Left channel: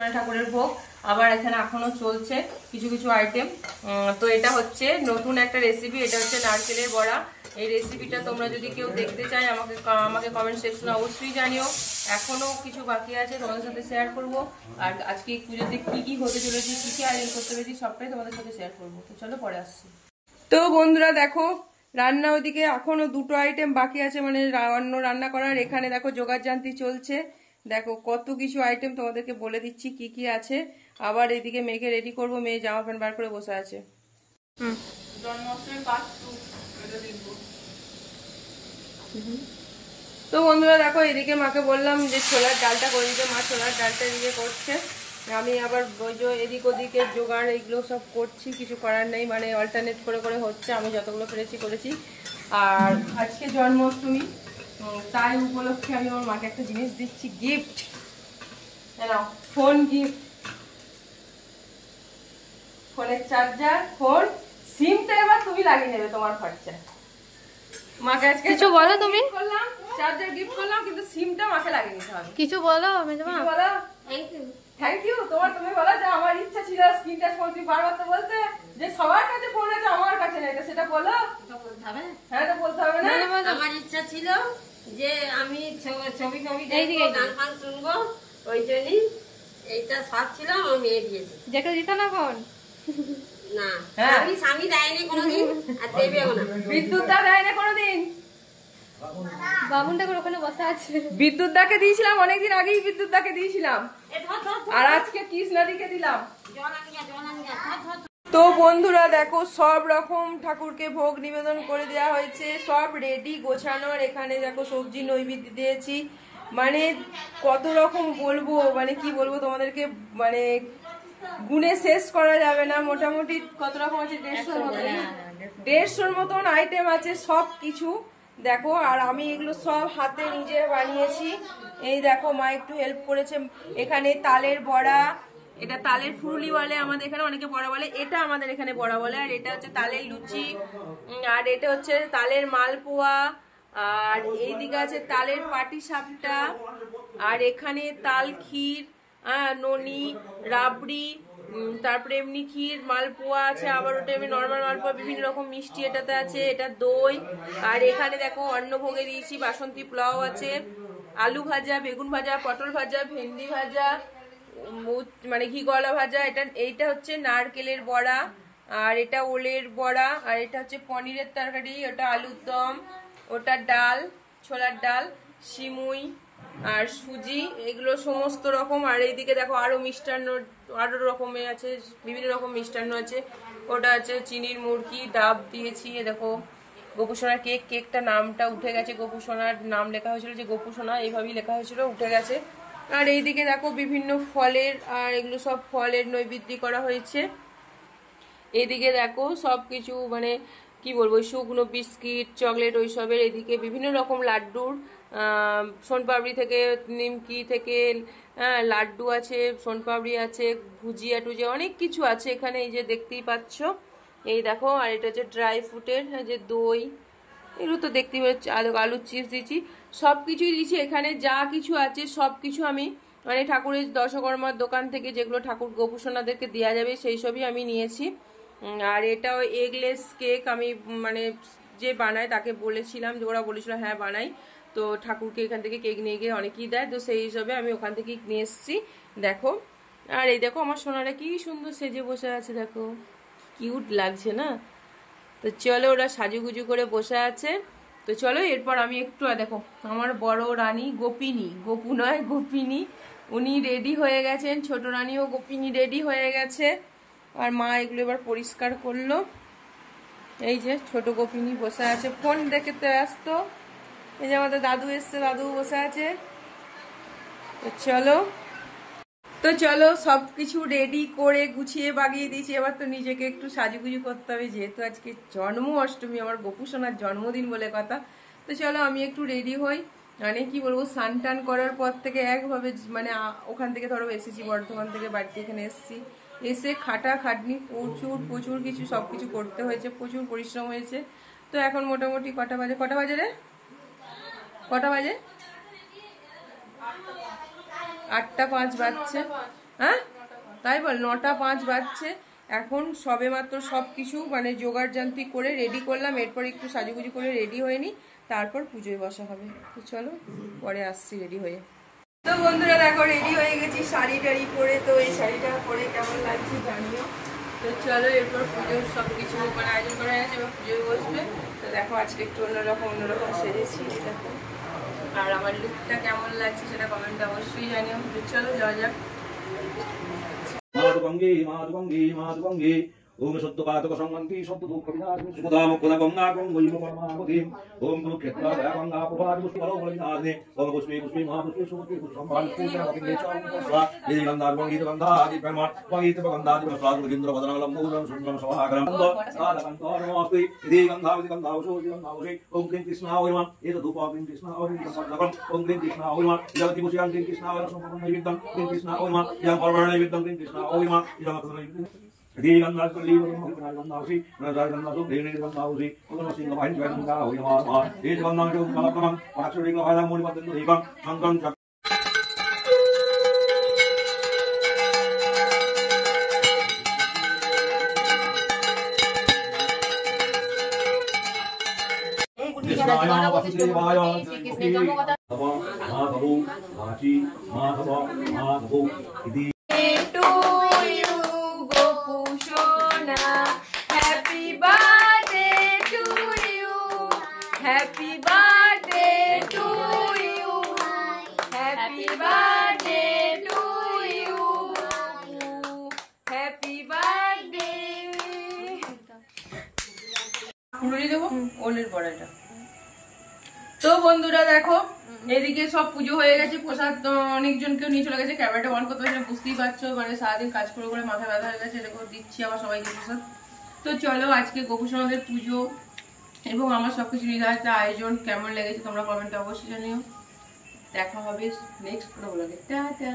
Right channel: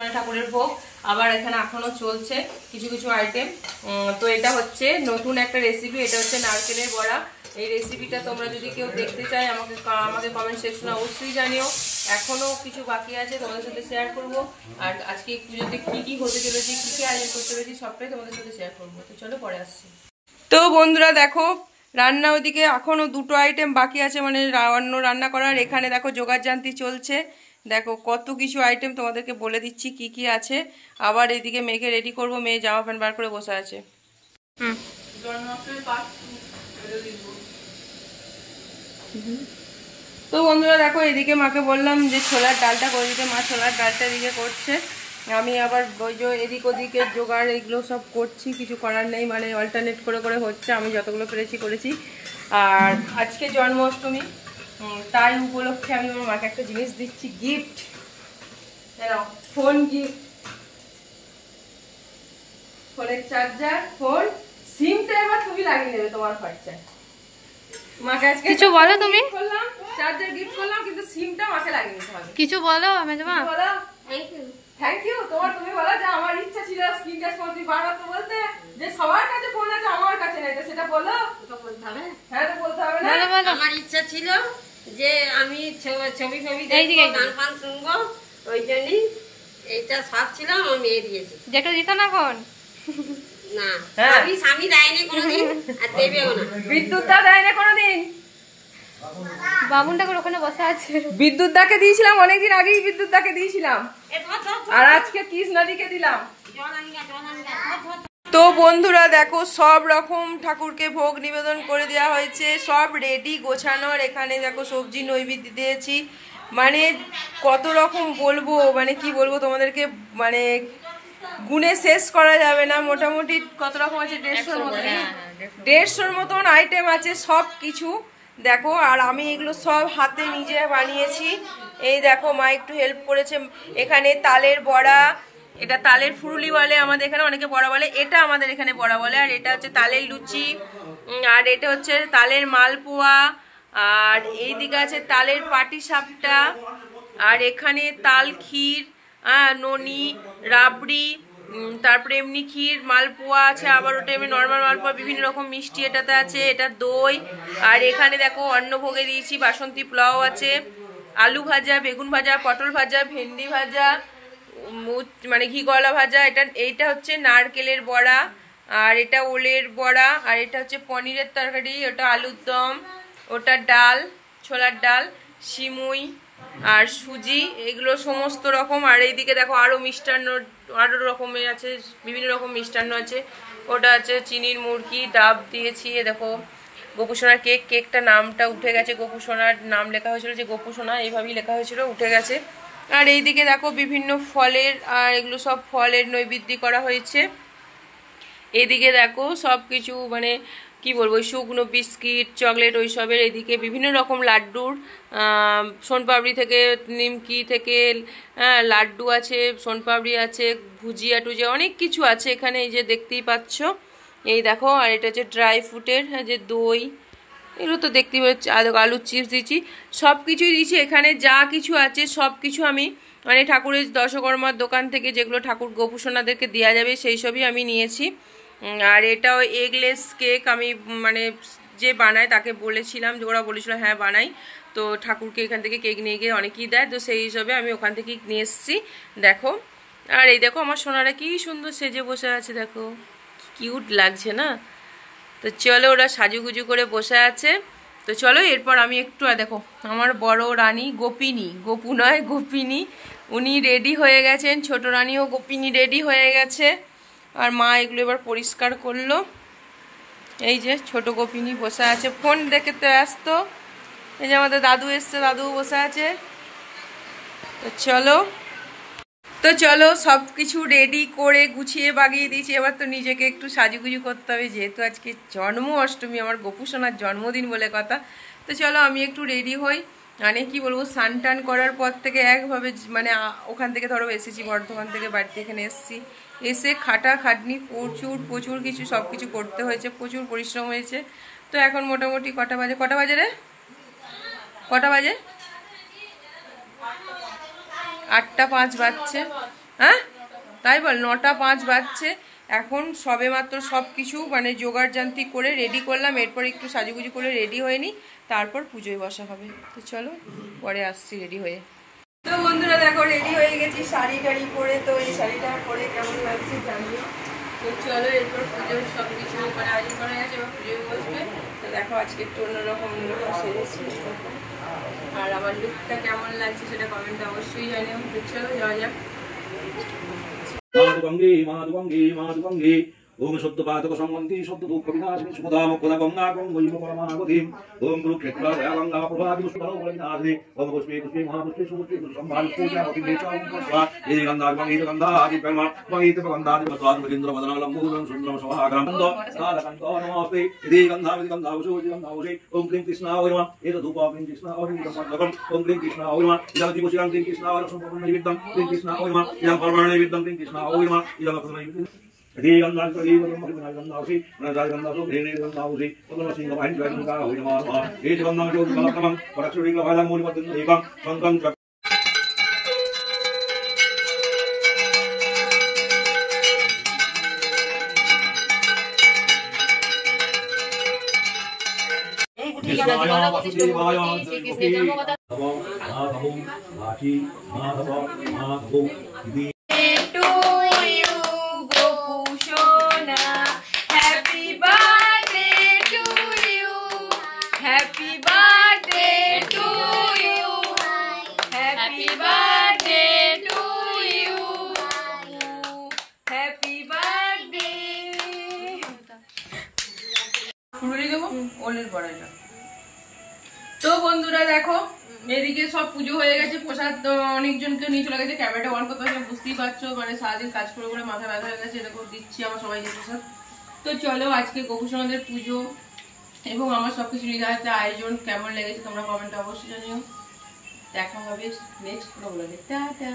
ঠাকুরের ভোগ আবার এখানে এখনো চলছে কিছু কিছু আইটেম। তো এটা হচ্ছে নতুন একটা রেসিপি, এটা হচ্ছে নারকেলের বড়া। এই রেসিপিটা তোমরা যদি কেউ দেখতে চাই আমাকে কমেন্ট সেকশনে অবশ্যই জানিও। এখনো কিছু বাকি আছে, তোমাদের সাথে শেয়ার করব। আর আজকে পুজোতে কি কি হতে চলেছে, কি কি আয়োজন করতে চলেছি সবটাই তোমাদের সাথে শেয়ার করবো। তো চলো পরে আসছি। তো বন্ধুরা দেখো, রান্না ওইদিকে এখনো দুটো আইটেম বাকি আছে, মানে অন্য রান্না করার। এখানে দেখো জোগাড়যন্ত্র চলছে, দেখো কত কিছু আইটেম তোমাদেরকে বলে দিচ্ছি কি কি আছে। আবার এদিকে মেয়েকে রেডি করব, মেয়ে জামা প্যান্ট বার করে বসে আছে। তো বন্ধুরা দেখো, এদিকে মাকে বললাম যে ছোলার ডালটা করে দিতে, মা ছোলার ডালটা এদিকে করছে। আমি আবার ওই যে এদিক ওদিকে জোগাড় এগুলো সব করছি, কিছু করার নেই, মানে অল্টারনেট করে করে হচ্ছে। আমি যতগুলো পেরেছি করেছি। আর আজকে জন্মাষ্টমী, তাই উপলক্ষে আমি আমার মাকে একটা জিনিস দিচ্ছি, গিফট। ফোন গিফট, ফোনের চার্জার, ফোন, সিমটা এবার তুমি লাগিয়ে নেবে তোমার খরচা। মাকে আজকে কিছু বলো তুমি। করলাম চার্জার গিফট করলাম, কিন্তু সিমটা মাকে লাগিয়ে নিতে হবে। কিছু বলো মেজমা। বলো থ্যাংক ইউ। তোমার বলো যে আমার ইচ্ছা ছিল স্ক্রিন টাচ ফোন, তুমি বারবার তো বলতে যে সবার কাছে ফোন আছে আমার কাছে নাই, তো সেটা বলো। হ্যাঁ তো বলতে হবে না। আমার ইচ্ছা ছিল যে আমি ছবি দেখবো, গান ফান শুনবো, ওই জন্যই এইটা শখ ছিল। আমার মেয়ে দিয়েছে। যেটা দিত না ফোন না, স্বামী দেয়নি কোনোদিন, আর দেবেও না। বিদ্যুৎ দা দেয় না কোনোদিন। বামুন ঠাকুর ওখানে বসে আছে। বিদ্যুৎ দাকে দিয়েছিলাম অনেকদিন আগেই, বিদ্যুৎ দাকে দিয়েছিলাম, আর আজকে কৃষ্ণাদিকে দিলাম। তো বন্ধুরা দেখো, সব রকম ঠাকুরকে ভোগ নিবেদন করে দেওয়া হয়েছে, সব রেডি গোছানোর। এখানে দেখো সবজি নৈবেদ্য দিয়েছি, মানে কত রকম বলবো, মানে কি বলবো তোমাদেরকে, মানে গুণে শেষ করা যাবে না। মোটামুটি কত রকম আছে, 150-র মতন আইটেম আছে সব কিছু দেখো। আর আমি এগুলো সব হাতে নিজে বানিয়েছি। এই দেখো, মা একটু হেল্প করেছে। এখানে তালের বড়া, এটা তালের ফুরুলি বলে আমাদের এখানে, অনেকে বড়া বলে, এটা আমাদের এখানে বড়া বলে। আর এটা হচ্ছে তালের লুচি, আর এটা হচ্ছে তালের মালপোয়া, আর এইদিকে আছে তালের পাটিসাপটা, আর এখানে তাল ক্ষীর, ননি, রাবড়ি, তারপরে এমনি ক্ষীর, মালপোয়া আছে, আবার ওটা এমনি নর্মাল মালপোয়া, বিভিন্ন রকম মিষ্টি এটাতে আছে, এটা দই। আর এখানে দেখো অন্নভোগে দিয়েছি বাসন্তী পোলাও আছে, আলু ভাজা, বেগুন ভাজা, পটল ভাজা, ভেন্ডি ভাজা, মানে ঘি গলা ভাজা। এইটা হচ্ছে নারকেলের বড়া, আর এটা ওলের বড়া, আর এটা হচ্ছে পনিরের তরকারি, ওটা আলুর দম, ওটা ডাল, ছোলার ডাল, সিমুই আর সুজি, এগুলো সমস্ত রকম। আর এইদিকে দেখো আরো মিষ্টান্ন, আরো রকমের আছে, বিভিন্ন রকম মিষ্টান্ন আছে। ওটা আছে চিনির মুরগি, ডাব দিয়েছি। দেখো গোপুসোনার কেক, কেকটা নামটা উঠে গেছে, গোপুসোনার নাম লেখা হয়েছিল যে গোপুসোনা, এইভাবেই লেখা হয়েছিল, উঠে গেছে। আর এইদিকে দেখো বিভিন্ন ফলের, আর এগুলো সব ফলের নৈবেদ্য করা হয়েছে। এদিকে দেখো সব কিছু, মানে কি বলবো, শুকনো বিস্কিট, চকলেট, ওইসবের। এদিকে বিভিন্ন রকম লাড্ডুর, সোনপাপড়ি থেকে, নিমকি থেকে লাড্ডু আছে, সোনপাপড়ি আছে, ভুজিয়া টুজিয়া, অনেক কিছু আছে এখানে, এই যে দেখতেই পাচ্ছ। এই দেখো, আর এটা হচ্ছে ড্রাই ফ্রুটের যে দই, এগুলো তো দেখতেই পাচ্ছি, আলুর চিপস দিচ্ছি, সব কিছুই দিচ্ছি। এখানে যা কিছু আছে সব কিছু আমি, মানে ঠাকুরের দশকর্মার দোকান থেকে যেগুলো ঠাকুর গোপুসোনাদেরকে দেওয়া যাবে সেই সবই আমি নিয়েছি। আর এটাও এগলেস কেক, আমি মানে যে বানায় তাকে বলেছিলাম, যে ওরা বলেছিল হ্যাঁ বানাই, তো ঠাকুরকে এখান থেকে কেক নিয়ে গিয়ে অনেকেই দেয়, তো সেই হিসাবে আমি ওখান থেকেই নিয়ে এসেছি। দেখো, আর এই দেখো আমার সোনারা কি সুন্দর সেজে বসে আছে, দেখো কিউট লাগছে না? তো চলো, ওরা সাজুগুজু করে বসে আছে। তো চলো এরপর আমি একটু, দেখো আমার বড় রানী গোপিনী, গোপু নয় গোপিনী, উনি রেডি হয়ে গেছেন। ছোট রানীও গোপিনী রেডি হয়ে গেছে। আর মা এগুলো এবার পরিষ্কার করলো। এই যে ছোট গোপিনী বসে আছে, ফোন দেখে তো ব্যস্ত। এই যে আমাদের দাদু এসছে, দাদু বসে আছে। তো চলো সব কিছু রেডি করে গুছিয়ে বাগিয়ে দিয়েছি। এবার তো নিজেকে একটু সাজুগুজু করতে হবে, যেহেতু আজকে জন্মাষ্টমী, আমার গোপুসোনার জন্মদিন বলে কথা। তো চলো আমি একটু রেডি হই। মানে কি বলবো, স্নান টান করার পর থেকে একভাবে, মানে ওখান থেকে ধরো এসেছি বর্ধমান থেকে, বাড়িতে এখানে এসেছি, এসে খাটাখাটনি প্রচুর কিছু সব কিছু করতে হয়েছে, প্রচুর পরিশ্রম হয়েছে। তো এখন মোটামুটি কটা বাজে রে, কটা বাজে? 8টা 5 বাজছে। হ্যাঁ তাই বল, 9:05 বাজছে এখন। সবে মাত্র সব কিছু মানে জোগাড় জান্তি করে রেডি করলাম, এরপর একটু সাজুগুজু করে রেডি হয়ে নিই, তারপর পুজোয় বসা হবে। তো চলো পরে আসছি রেডি হয়ে। তো বন্ধুরা দেখো রেডি হয়ে গেছি শাড়ি টাড়ি পরে। তো এই শাড়িটা পরে কেমন লাগছে জানিও। তো চলো এরপর পুজোর সব কিছু মানে আয়োজন করা হয়েছে, এবার পুজোয় বসবে। তো দেখো আজকে একটু অন্যরকম সেরেছি দেখো। আর আমার লুকটা কেমন লাগছে সেটা কমেন্টে অবশ্যই জানিও। তো চলো যাওয়া যাক। মাধুগঙ্গে ওম সত্যপাতক সংগন্তি সত্য দুঃখ বিনাশিনী সুখদা মুখদা গঙ্গা গঙ্গৈম পরমাগতিম ওম কুরুক্ষেত্রা গঙ্গা প্রভাতি পুষ্করো বলিনাদে ওম পুষ্পে পুষ্পে মহাপুষ্পে সুপুষ্পে সম্ভান পূজা মতিন্দে চৌম্পস্বা এই গন্ধার গঙ্গীত গন্ধাদি প্রেমা গঙ্গীত গন্ধাদি মস্বাদ মদিন্দ্র বদনালম মূলম সুন্দরম সভাগ্রম গন্ধ নাদকান্ত নমস্তে এই গন্ধাবিদি গন্ধাউষো গন্ধাউষি ওম ক্লীং কৃষ্ণায় এত ধূপা ক্লীং কৃষ্ণায় ওম ক্লীং কৃষ্ণায় ইদং পুষ্করং ক্লীং কৃষ্ণায় সম্পূর্ণ নিবেদন ক্লীং কৃষ্ণায় ইদং পরমাণু নিবেদন ক্লীং কৃষ্ণায় ইদং নিবেদন Happy birthday to you. Happy birthday to you. Happy birthday. পুরোই দেবো ওলের বড়াটা। তো বন্ধুরা দেখো এদিকে সব পুজো হয়ে গেছে, প্রসাদ অনেকজনকে নিয়ে চলে গেছে। ক্যামেরাটা অন করতে পারছি বুঝতেই পারছো, মানে সারাদিন কাজ করে করে মাথা ব্যথা হয়ে গেছে। এরকম দিচ্ছি আমার সবাইকে প্রসাদ। তো চলো আজকে গোপুসোনাদের পুজো এবং আমার সবকিছু নির্ধারিত আয়োজন কেমন লেগেছে তোমরা কমেন্টে অবশ্যই জানিও। দেখা হবে নেক্সট ব্লগে। টাটা।